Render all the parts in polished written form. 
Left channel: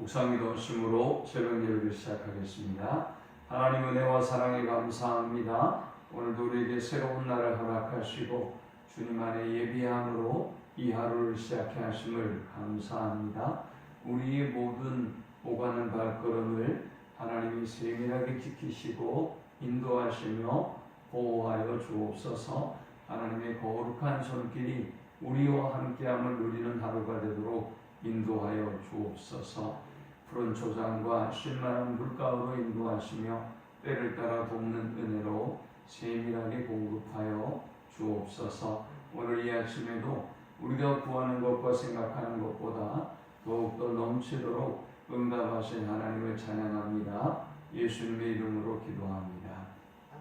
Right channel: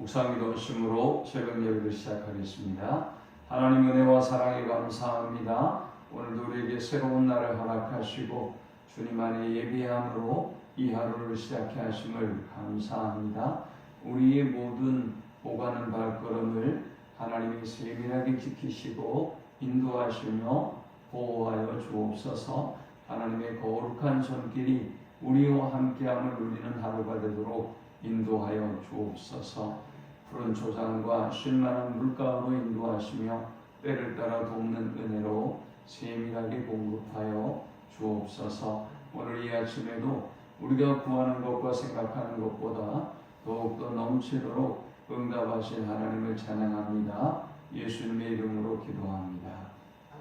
묵상기도심으로 새벽 예배를 시작하겠습니다. 하나님 은혜와 사랑에 감사합니다. 오늘도 우리에게 새로운 날을 허락하시고 주님 안에 예비함으로 이 하루를 시작해 하심을 감사합니다. 우리의 모든 오가는 발걸음을 하나님이 세밀하게 지키시고 인도하시며 보호하여 주옵소서. 하나님의 거룩한 손길이 우리와 함께함을 누리는 하루가 되도록 인도하여 주옵소서. 푸른 초장과 쉴만한 물가로 인도하시며 때를 따라 돕는 은혜로 세밀하게 공급하여 주옵소서. 오늘 이 아침에도 우리가 구하는 것과 생각하는 것보다 더욱더 넘치도록 응답하신 하나님을 찬양합니다. 예수님의 이름으로 기도합니다.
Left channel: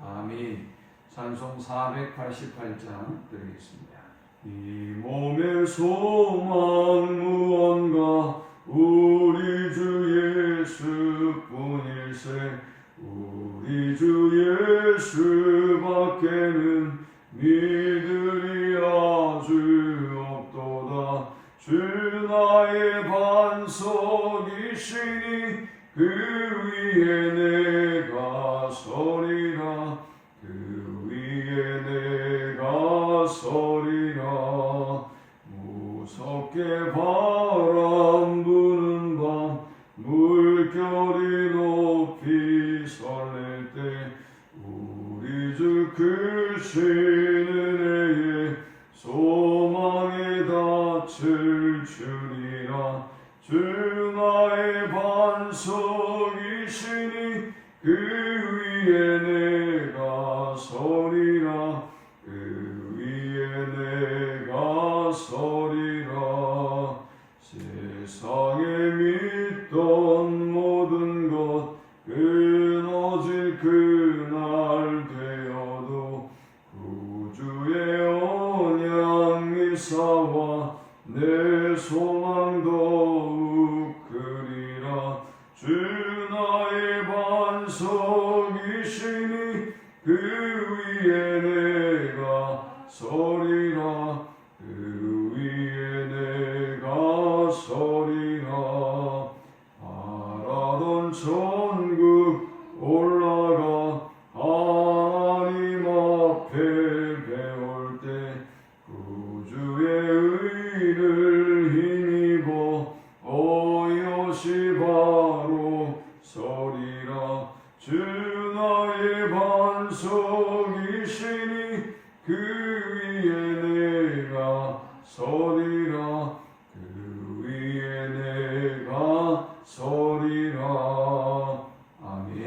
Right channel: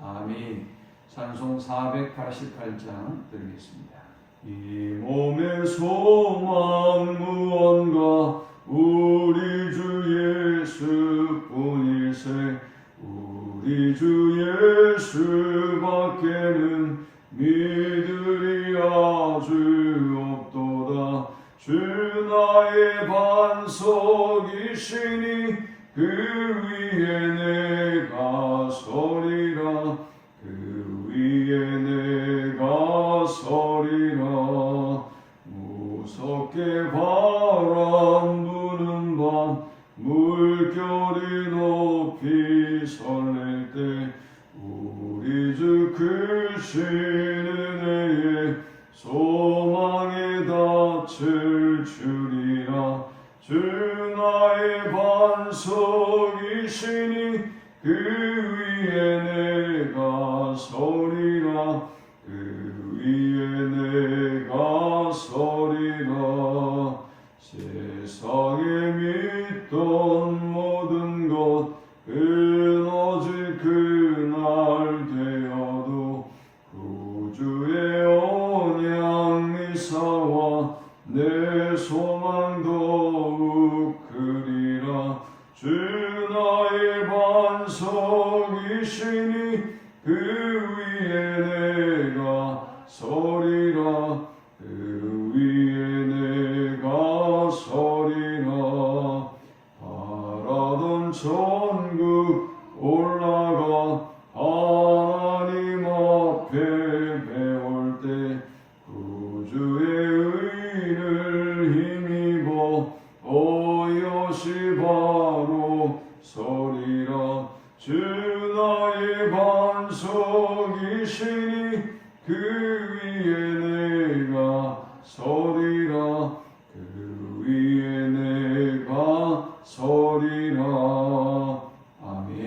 아멘. 찬송 488장 드리겠습니다. 이 몸의 소망 무언가 우리 주 예수뿐일세. 우리 주 예수밖에는 믿으리 아주 없도다. 주 나의 반석이시니 그 위에 내가 서리라. 그 위에 내가 서리라. 무섭게 바람 부는 밤 물결이 높이 설렐 때 우리 주 크신 은혜에 소망에 닿을 줄이라. 주 나의 반석이시니 그 위에 내가 서리라. 그 위에 내가 서리라. 세상에 믿던 모든 것 끊어질 그날 되어도 구주의 언약 미사와 내 소망 더욱 크리라. 주 나의 반석이시니 그 위에 내가 서리라. 그 위에 내가 서리라. 바라던 천국 올라가 하나님 앞에 배울 때 구주의 의를 힘입어 어여시 바로 서리라. 주 나의 반석이시니 그 위에 내가 서리라. 그 위에 내가 서리라. 아멘.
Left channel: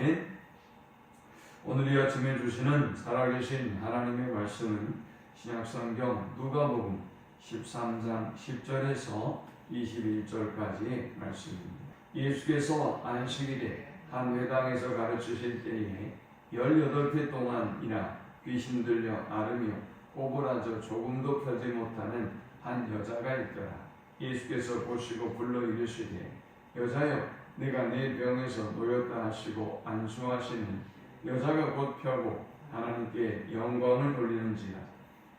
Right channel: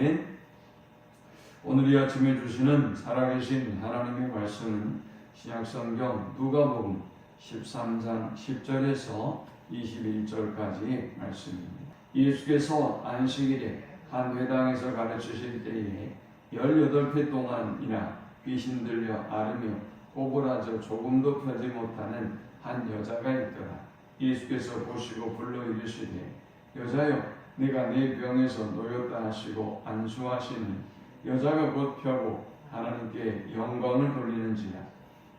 오늘 이 아침에 주시는 살아계신 하나님의 말씀은 신약성경 누가복음 13장 10절에서 21절까지의 말씀입니다. 예수께서 안식일에 한 회당에서 가르치실 때에 18회 동안이나 귀신 들려 앓으며 오그라져 조금도 펴지 못하는 한 여자가 있더라. 예수께서 보시고 불러 이르시되 여자여 네가 네 병에서 놓였다 하시고 안수하시니 여자가 곧 펴고 하나님께 영광을 돌리는지라.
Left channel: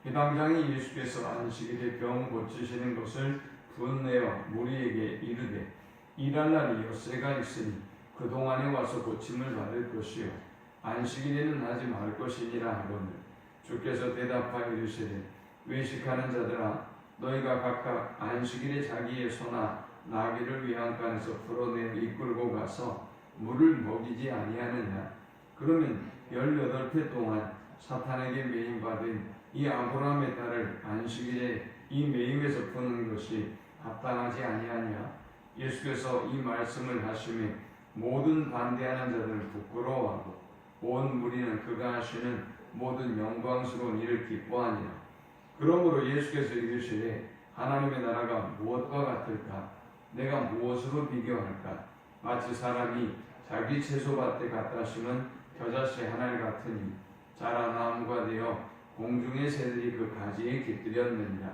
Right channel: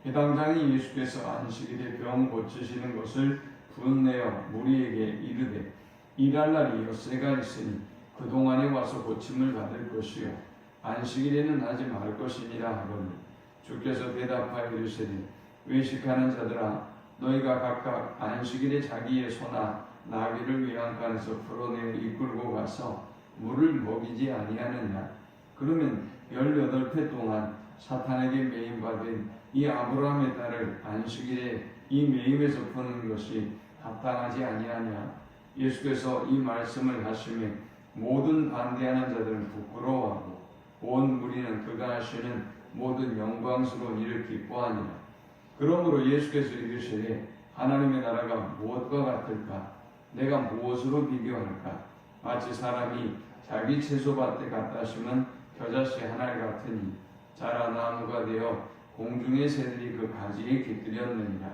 회당장이 예수께서 안식일에 병 고치시는 것을 분내어 무리에게 이르되 일할 날이 엿새가 있으니 그동안에 와서 고침을 받을 것이요 안식일에는 하지 말 것이니라 하거늘 주께서 대답하여 이르시되 외식하는 자들아 너희가 각각 안식일에 자기의 소나 나귀를 위안간에서 풀어내어 이끌고 가서 물을 먹이지 아니하느냐. 그러면 18회 동안 사탄에게 매임받은 이 아브라함의 딸을 안식일에 이 매임에서 푸는 것이 합당하지 아니하냐. 예수께서 이 말씀을 하시며 모든 반대하는 자들은 부끄러워하고 온 무리는 그가 하시는 모든 영광스러운 일을 기뻐하니라. 그러므로 예수께서 이르시되 하나님의 나라가 무엇과 같을까? 내가 무엇으로 비교할까? 마치 사람이 자기 채소밭에 갖다 심은 겨자씨 하나를 같으니 자라 나무가 되어 공중의 새들이 그 가지에 깃들였느니라.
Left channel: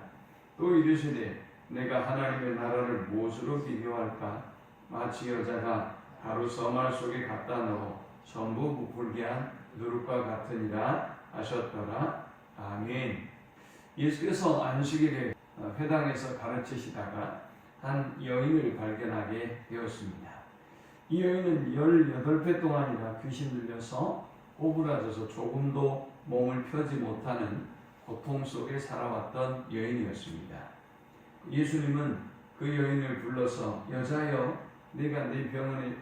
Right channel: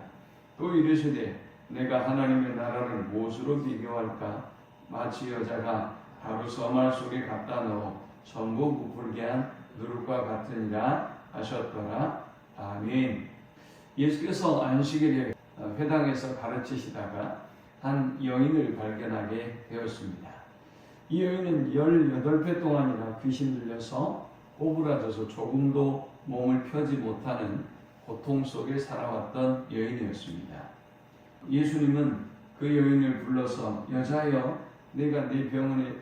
또 이르시되 내가 하나님의 나라를 무엇으로 비교할까? 마치 여자가 가루 서말 속에 갖다 넣어 전부 부풀게 한 누룩과 같으니라 하셨더라. 아멘. 예수께서 안식일에 회당에서 가르치시다가 한 여인을 발견하게 되었습니다. 이 여인은 18배 동안이나 귀신 들려서 오그라져서 조금도 몸을 펴지 못하는 고통 속에 살아왔던 여인이었습니다. 예수님은 그 여인을 불러서 여자여 네가 네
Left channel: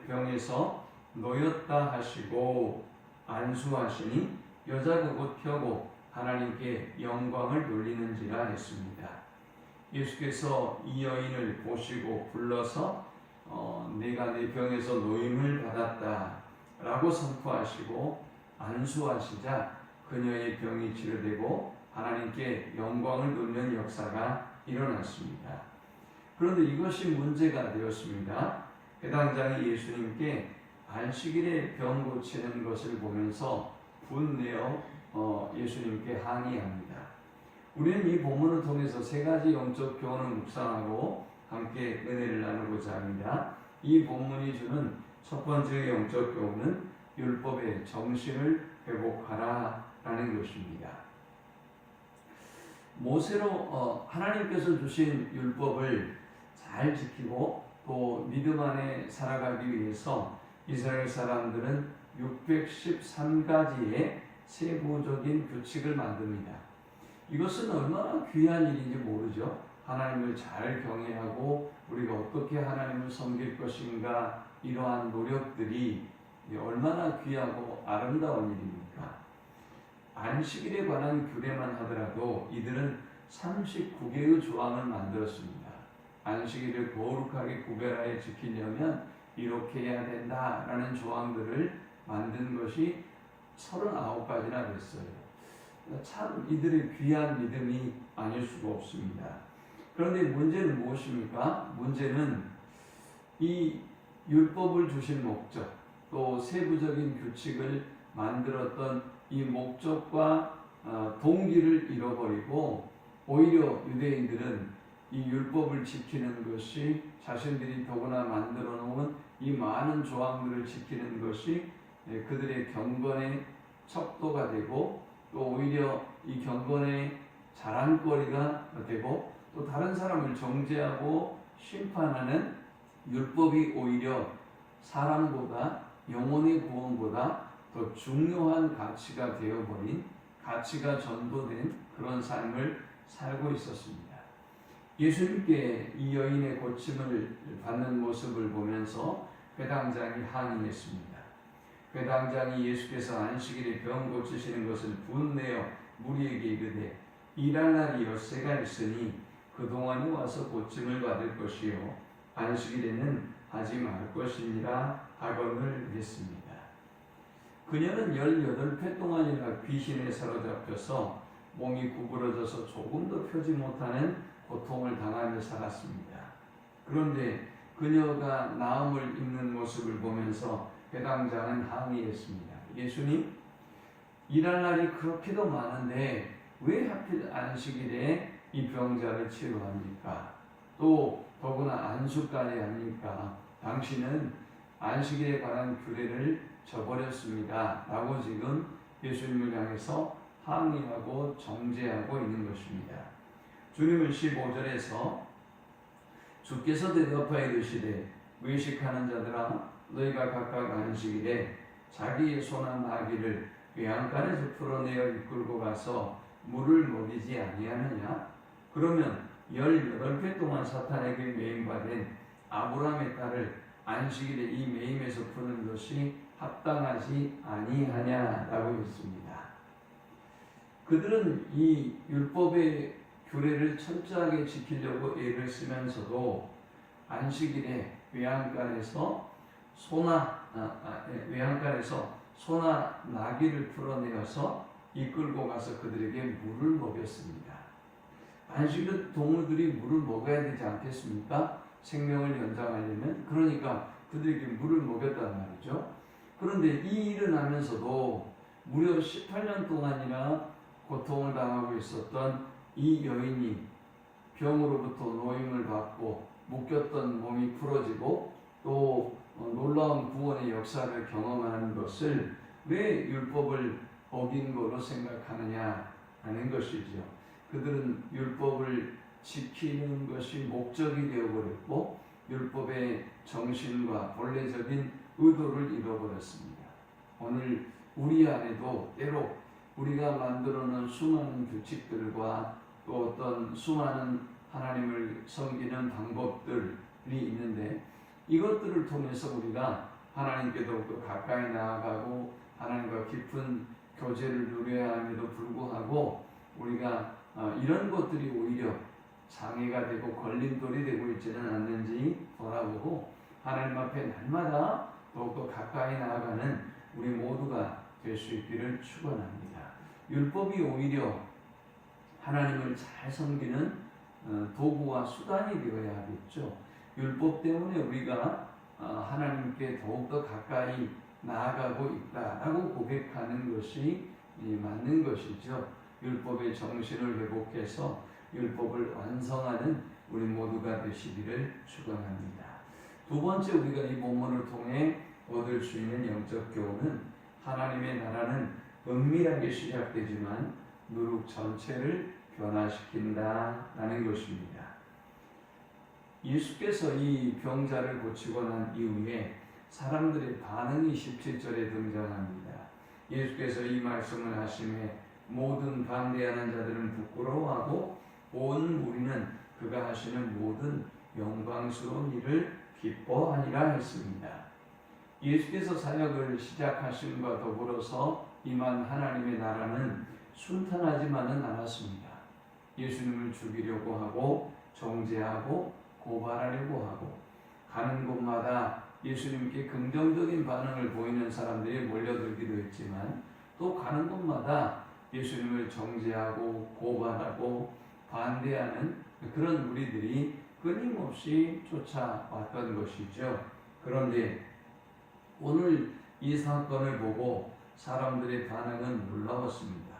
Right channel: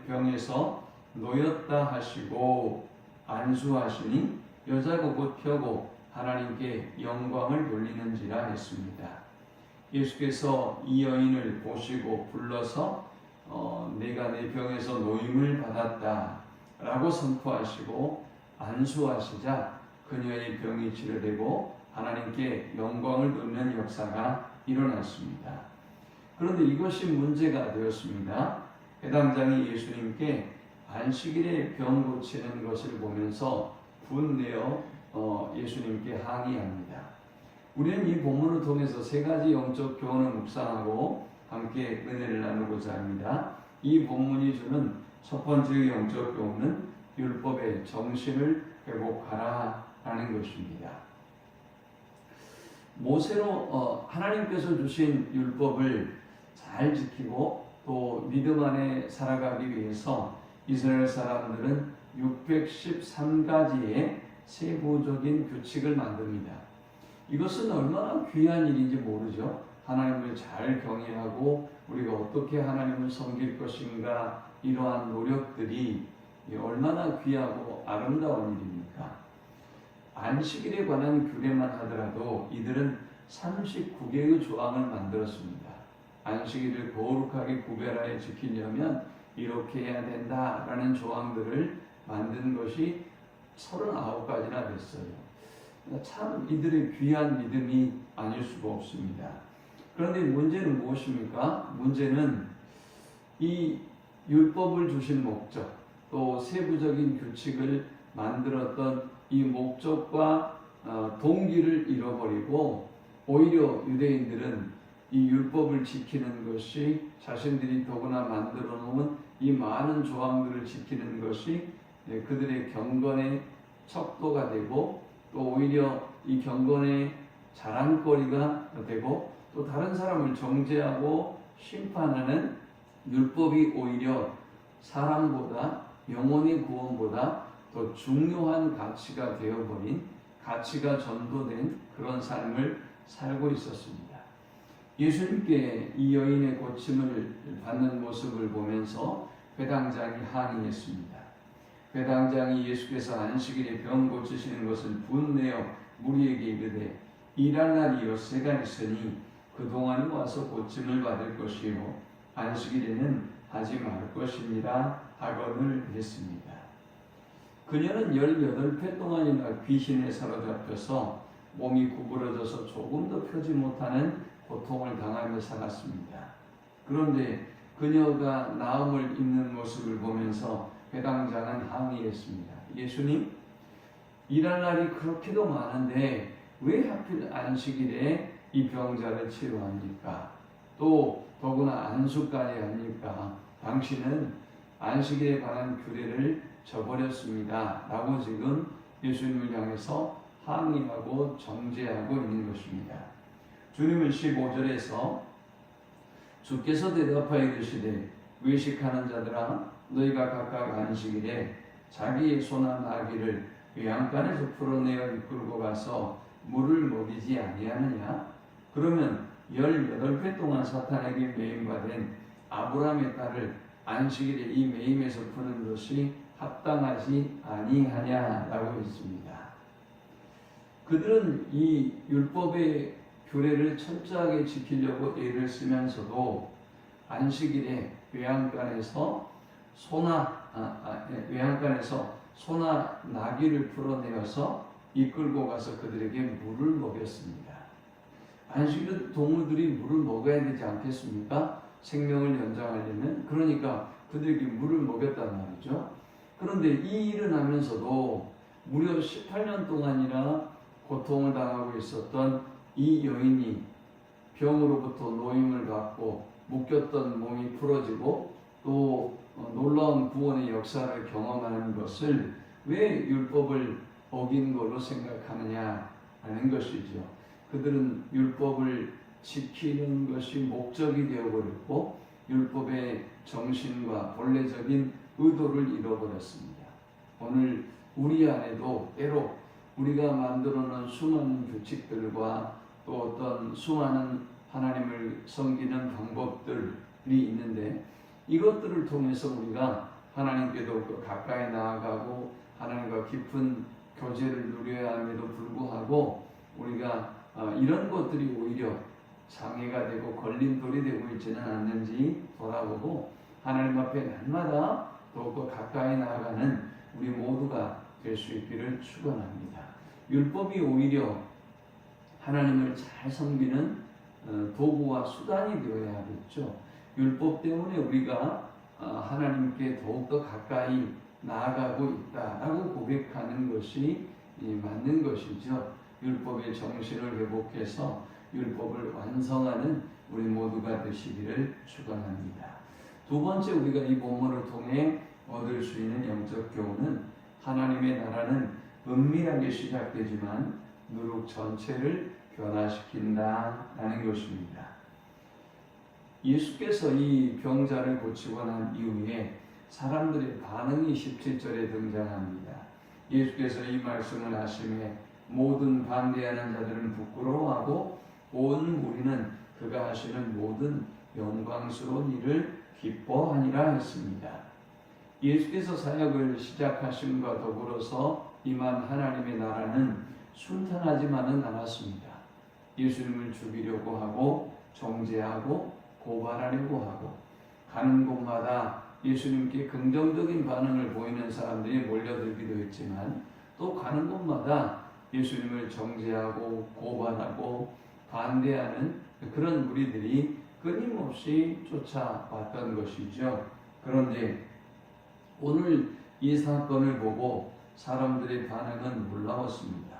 병에서 놓였다 하시고 안수하시니 여자고 곧 펴고 하나님께 영광을 돌리는지라 했습니다. 예수께서 이 여인을 보시고 불러서 내가 내 병에서 노임을 받았다 라고 선포하시고 안수하시자 그녀의 병이 치료되고 하나님께 영광을 돌리는 역사가 일어났습니다. 그런데 이것이 문제가 되었습니다. 회당장이 예수님께 안식일에 병 고치는 것을 보면서 분내어 예수님께 항의합니다. 우리는 이 본문을 통해서 세 가지 영적 교훈을 묵상하고 함께 은혜를 나누고자 합니다. 이 본문이 주는 첫 번째 영적 교훈은 율법의 정신을 회복하라 라는 것입니다. 모세로 하나님께서 주신 율법을 잘 지키고 또 믿음 안에 살아가기 위해서 이스라엘 사람들은 613가지의 세부적인 규칙을 만듭니다. 이것은 얼마나 귀한 일인지 모르죠. 하나님을 잘 경외하고 우리가 어떻게 하나님을 섬길 것인가, 이러한 노력들이 얼마나 귀하고 아름다운 일입니까? 안식일에 관한 규례만 하더라도 이들은 39개의 조항을 만들었습니다. 안식일을 거룩하게 구별하여 지키려면 이렇게 해야 된다라는 조항들을 만든 것이 39가지나 됐어요. 참 이들의 귀한 믿음이 아닐 수가 없습니다. 그런데 문제는 무엇입니까? 문제는 이 율법을 주신 목적, 또 세부적인 규칙을 만들었던 이 목적과 동기를 잃어버리고 오히려 유대인들은 이 율법을 지키는 것이 자신들이 더구나 만들어 놓은 이 많은 조항들을 지키는 것이 그들의 경건의 척도가 되고 또 오히려 이 경건의 자랑거리가 되고 또 다른 사람을 정죄하고 심판하는 율법이 오히려 사람보다 영혼의 구원보다 더 중요한 가치가 되어버린, 가치가 전도된 그런 삶을 살고 있었습니다. 예수님께 이 여인의 고침을 받는 모습을 보면서 회당장이 항의했습니다. 회당장이 예수께서 안식일에 병 고치시는 것을 분내어 무리에게 이르되 일할 날이 엿새가 있으니 그동안이 와서 고침을 받을 것이요 안식일에는 하지 말 것이니라 하거늘 했습니다. 그녀는 18회 동안이나 귀신에 사로잡혀서 몸이 구부러져서 조금도 펴지 못하는 고통을 당하며 살았습니다. 그런데 그녀가 나음을 입는 모습을 보면서 회당장은 항의했습니다. 예수님, 일할 날이 그렇게도 많은데 왜 하필 안식일에 이 병자를 치료합니까? 또 더구나 안수까지 합니까? 당신은 안식일에 관한 규례를 저버렸습니다. 라고 지금 예수님을 향해서 항의하고 정죄하고 있는 것입니다. 주님은 15절에서 주께서 대답하여 이르시되 외식하는 자들아 너희가 각각 안식일에 자기의 소나 나귀를 외양간에서 풀어내어 이끌고 가서 물을 먹이지 아니하느냐? 그러면 18회 동안 사탄에게 매임받은 아브라함의 딸을 안식일에 이 매임에서 푸는 것이 합당하지 아니하냐라고 했습니다. 그들은 이 율법의 규례를 철저하게 지키려고 애를 쓰면서도 안식일에 외양간에서 소나 나귀를 풀어내어서 이끌고 가서 그들에게 물을 먹였습니다. 안식일 동물들이 물을 먹어야 되지 않겠습니까? 생명을 연장하려면. 그러니까 그들에게 물을 먹였단 말이죠. 그런데 이 일을 하면서도 무려 18년 동안이나 고통을 당하고 있었던 이 여인이 병으로부터 노임을 받고 묶였던 몸이 풀어지고 또 놀라운 구원의 역사를 경험하는 것을 왜 율법을 어긴 거로 생각하느냐 하는 것이죠. 그들은 율법을 지키는 것이 목적이 되어버렸고 율법의 정신과 본래적인 의도를 잃어버렸습니다. 오늘 우리 안에도 때로 우리가 만들어놓은 수많은 규칙들과 또 어떤 수많은 하나님을 섬기는 방법들이 있는데 이것들을 통해서 우리가 하나님께 더욱더 가까이 나아가고 하나님과 깊은 교제를 누려야 함에도 불구하고 우리가 이런 것들이 오히려 장애가 되고 걸림돌이 되고 있지는 않는지 돌아보고 하나님 앞에 날마다 더욱더 가까이 나아가는 우리 모두가 될 수 있기를 축원합니다. 율법이 오히려 하나님을 잘 섬기는 도구와 수단이 되어야 하겠죠. 율법 때문에 우리가 하나님께 더욱더 가까이 나아가고 있다라고 고백하는 것이 맞는 것이죠. 율법의 정신을 회복해서 율법을 완성하는 우리 모두가 되시기를 축원합니다. 두 번째 우리가 이 본문을 통해 얻을 수 있는 영적 교훈은 하나님의 나라는 은밀하게 시작되지만 누룩 전체를 변화시킨다라는 것입니다. 예수께서 이 병자를 고치고 난 이후에 사람들의 반응이 17절에 등장합니다. 예수께서 이 말씀을 하심에 모든 반대하는 자들은 부끄러워하고 온 무리는 그가 하시는 모든 영광스러운 일을 기뻐하니라 했습니다. 예수께서 사역을 시작하심과 더불어서 임한 하나님의 나라는 순탄하지만은 않았습니다. 예수님을 죽이려고 하고 정죄하고 고발하려고 하고 가는 곳마다 예수님께 긍정적인 반응을 보이는 사람들이 몰려들기도 했지만 또 가는 곳마다 예수님을 정죄하고 고발하고 반대하는 그런 무리들이 끊임없이 쫓아왔던 것이죠. 그런데 오늘 이 사건을 보고 사람들의 반응은 놀라웠습니다.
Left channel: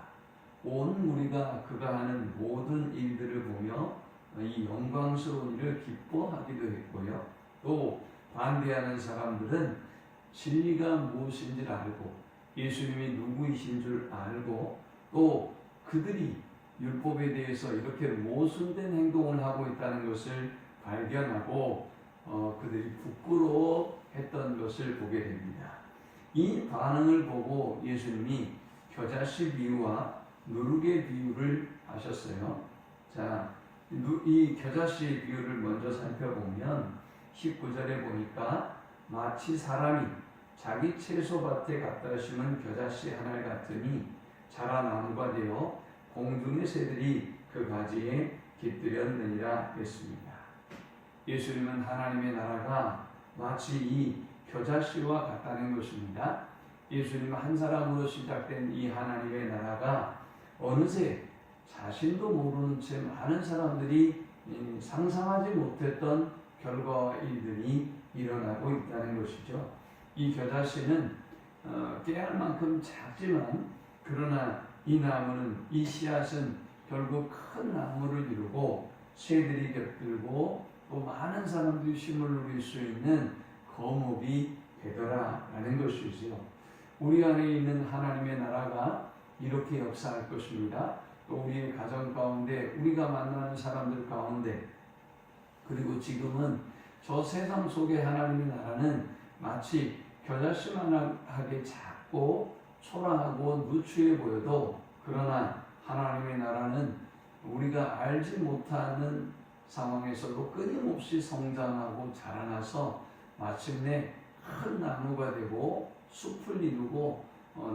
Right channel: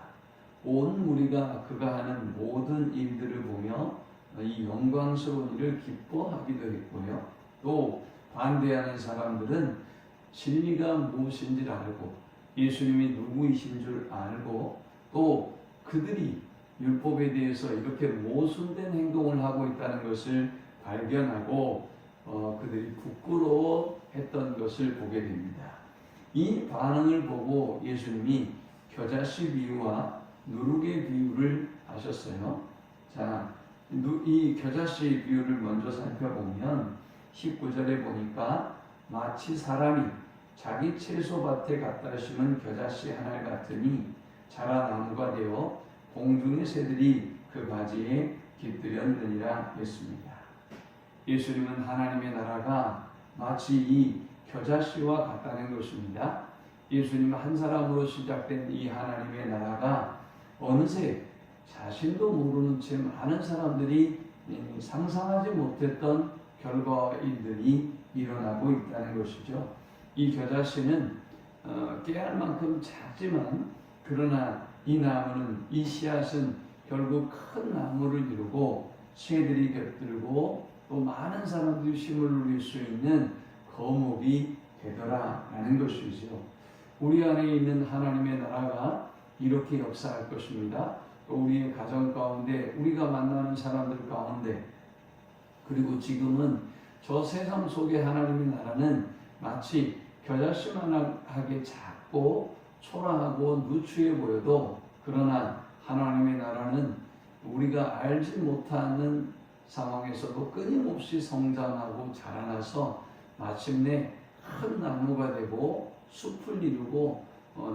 온 무리가 그가 하는 모든 일들을 보며 이 영광스러운 일을 기뻐하기도 했고요. 또 반대하는 사람들은 진리가 무엇인지를 알고 예수님이 누구이신 줄 알고 또 그들이 율법에 대해서 이렇게 모순된 행동을 하고 있다는 것을 발견하고 그들이 부끄러워했던 것을 보게 됩니다. 이 반응을 보고 예수님이 겨자씨 비유와 누룩의 비유를 하셨어요. 자, 이 겨자씨 비유를 먼저 살펴보면 19절에 보니까 마치 사람이 자기 채소밭에 갖다 심은 겨자씨 하나 같으니 자라나무가 되어 공중의 새들이 그 가지에 깃들였느니라 했습니다. 예수님은 하나님의 나라가 마치 이 겨자씨와 같다는 것입니다. 예수님 한 사람으로 시작된 이 하나님의 나라가 어느새 자신도 모르는 채 많은 사람들이 상상하지 못했던 결과와 일들이 일어나고 있다는 것이죠. 이 겨자씨는 깨알 만큼 작지만 그러나 이 나무는 이 씨앗은 결국 큰 나무를 이루고 새들이 곁들고 또 많은 사람들이 힘을 누릴 수 있는 거목이 되더라라는 것이죠. 우리 안에 있는 하나님의 나라가 이렇게 역사할 것입니다. 또 우리의 가정 가운데 우리가 만나는 사람들 가운데 그리고 지금은 저 세상 속의 하나님의 나라는 마치 겨자씨만하게 작고 초라하고 누추해 보여도 그러나 하나님의 나라는 우리가 알지 못하는 상황에서도 끊임없이 성장하고 자라나서 마침내 큰 나무가 되고 숲을 이루고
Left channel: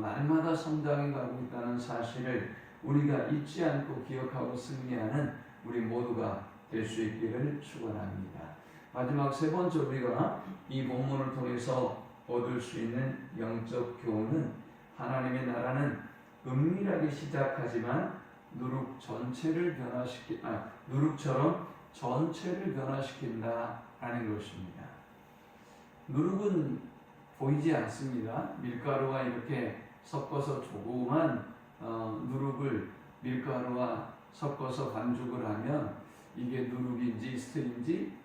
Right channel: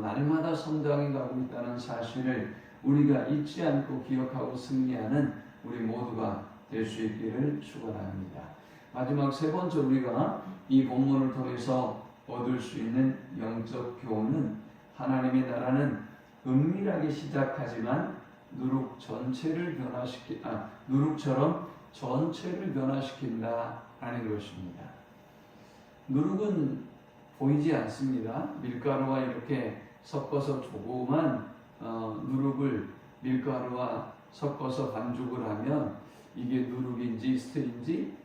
날마다 성장해 가고 있다는 사실을 우리가 잊지 않고 기억하고 승리하는 우리 모두가 될 수 있기를 축원합니다. 마지막 세 번째 우리가 이 본문을 통해서 얻을 수 있는 영적 교훈은 하나님의 나라는 은밀하게 시작하지만 누룩처럼 전체를 변화시킨다라는 것입니다. 누룩은 보이지 않습니다. 밀가루와 이렇게 섞어서 조그만 누룩을 밀가루와 섞어서 반죽을 하면 이게 누룩인지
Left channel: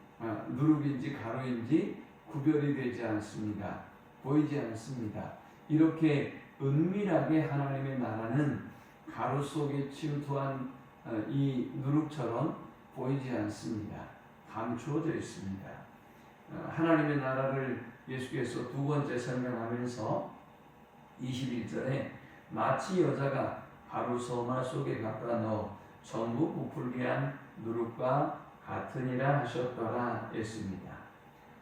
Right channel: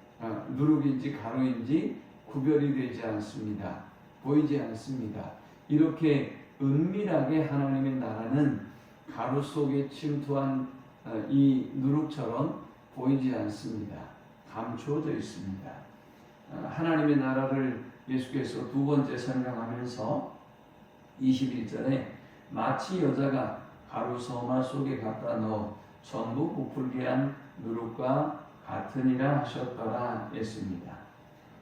누룩인지 가루인지 구별이 되지 않습니다. 보이지 않습니다. 이렇게 은밀하게 하나님의 나라는 가루 속에 침투한 이 누룩처럼 보이지 않습니다. 감추어져 있습니다. 하나님의 나라를 예수께서 두 번째 설명하면서 21절에 마치 여자가 가루 서말 속에 갖다 넣어 전부 부풀게 한 누룩과 같으니라 하셨더라 했습니다.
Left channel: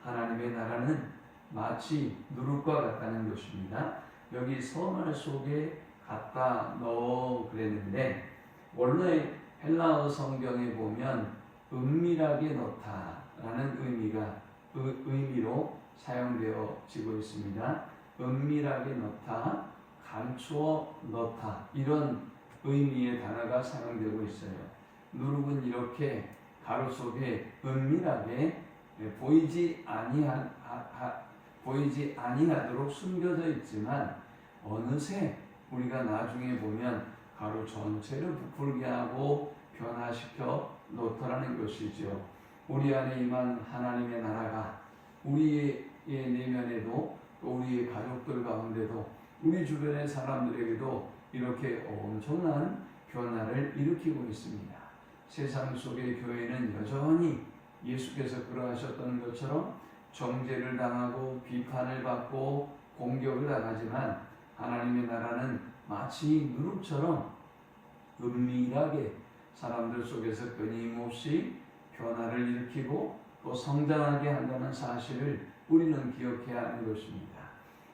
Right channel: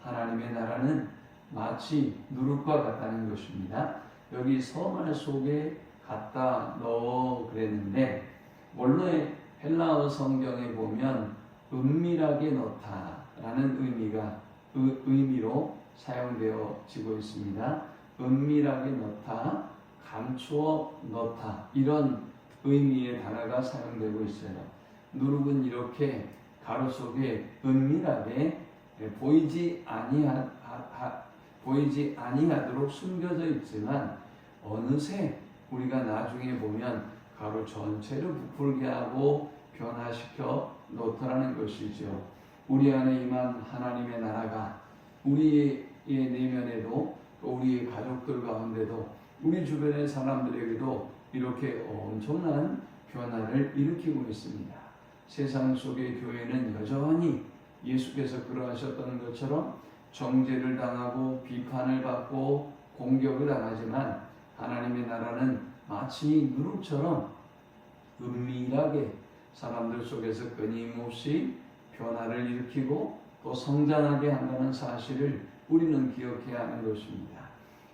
하나님의 나라는 마치 누룩과 같다는 것입니다. 여기 서말 속에 갖다 넣어 그랬는데 원래 헬라어 성경에 보면 은밀하게 넣다라는 의미로 사용되어지고 있습니다. 은밀하게 넣다, 감추어 넣다 이런 의미의 단어가 사용되고 있어요. 누룩은 이렇게 가루 속에 은밀하게 보이지 아니하도록 숨겨져 있지만 어느새 우리가 나중에 보면 가루 전체를 부풀게 하고 변화시켜 놓더라는 것이죠. 우리 안에 임한 하나님의 나라가 우리의 내면에도 또 우리의 가족들 가운데도 우리 주변의 사람들에게도 이렇게 엄청난 변화를 일으키고 있습니다. 세상 속의 교회는 여전히 예수께서 그러하셨던 것처럼 정죄를 당하고 비판을 받고 공격을 당하지만 하나님의 나라는 마치 누룩처럼 은밀하게 사람들 속에서 끊임없이 변화를 일으키고 또 성장하게 한다는 사실을 우리는 기억해야 하는 것입니다.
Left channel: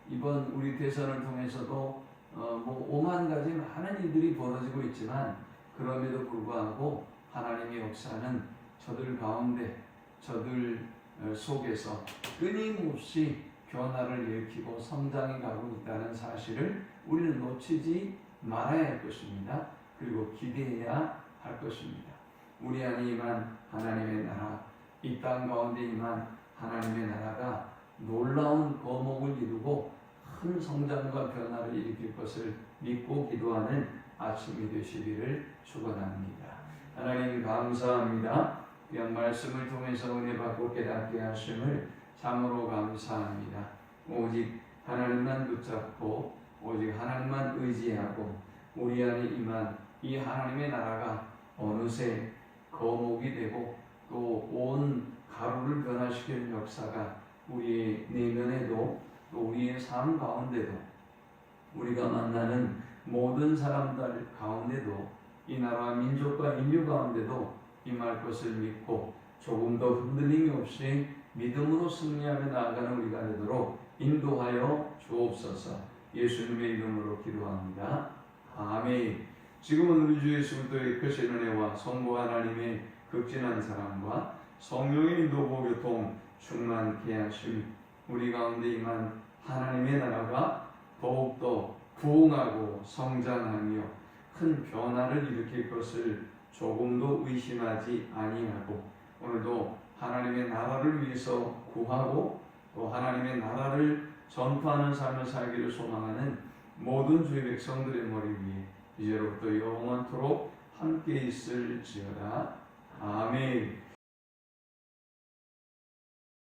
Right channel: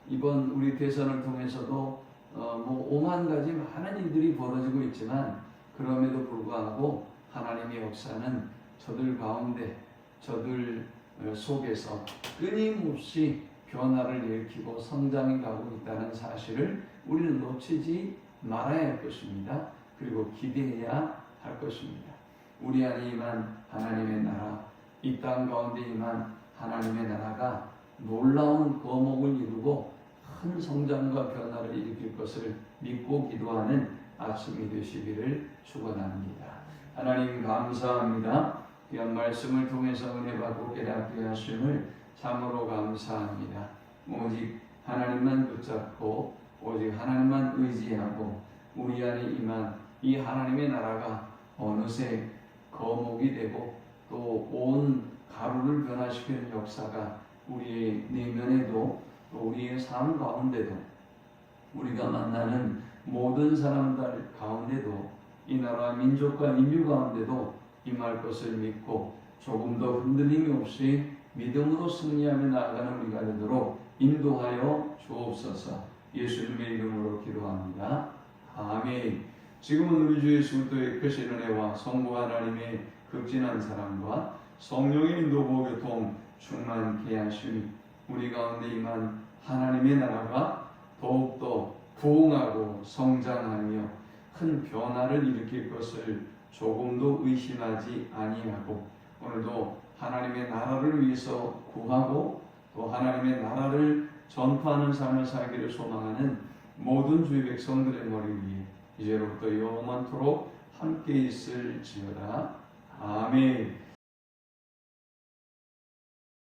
이번 우리 대선을 통해서도 오만 가지 많은 일들이 벌어지고 있지만 그럼에도 불구하고 하나님의 역사는 저들 가운데 저들 속에서 끊임없이 변화를 일으키고 성장해 가고 있다는 사실을 우리는 놓치지 말아야 할 것입니다. 그리고 기대해야 할 것입니다. 우리 안에 임한 하나님의 나라, 이 땅 가운데 임한 하나님의 나라가 놀라운 거목을 이루고 큰 성장과 변화를 일으킬 것을 믿고 기도하는 아침이 되시기를 축원합니다. 하나님 감사합니다. 귀한 말씀을 통해서 은혜 받고 깨닫게 하심을 참으로 감사합니다. 오직 하나님만 붙잡고 오직 하나님만 의지하고 우리 안에 임한 이 하나님의 나라가 어느새 거목이 되고 또 온 가루를 변화시키는 역사가 우리의 내면에도 또 우리의 삶 가운데도 우리가 만나는 모든 사람들 가운데도 이 나라 민족과 인류 가운데도 임할 것을 믿고 조금 더 흔들림이 없이 믿음으로 승리하며 나아가는 우리가 되도록 인도하여 주옵소서. 예수님의 이름으로 기도합니다. 아멘. 지금은 우리 주 예수 그리스도의 크신 은혜와 성부 하나님의 극진한 사랑과 성령의 인도 교통 충만케 하심 우리 가운데 임한 하나님의 나라가 더욱더 부흥하고 성장하며 큰 변화를 일으킬 것을 조금도 의심하지 아니하고 오늘도 하나님의 나라를 위해서 구하고 또 하나님의 나라를 전파하는 삶을 살기를 소망하는 모든 주의 백성들의 머리 위에 이제로부터 영원토록 함께 있을지어다. 아멘.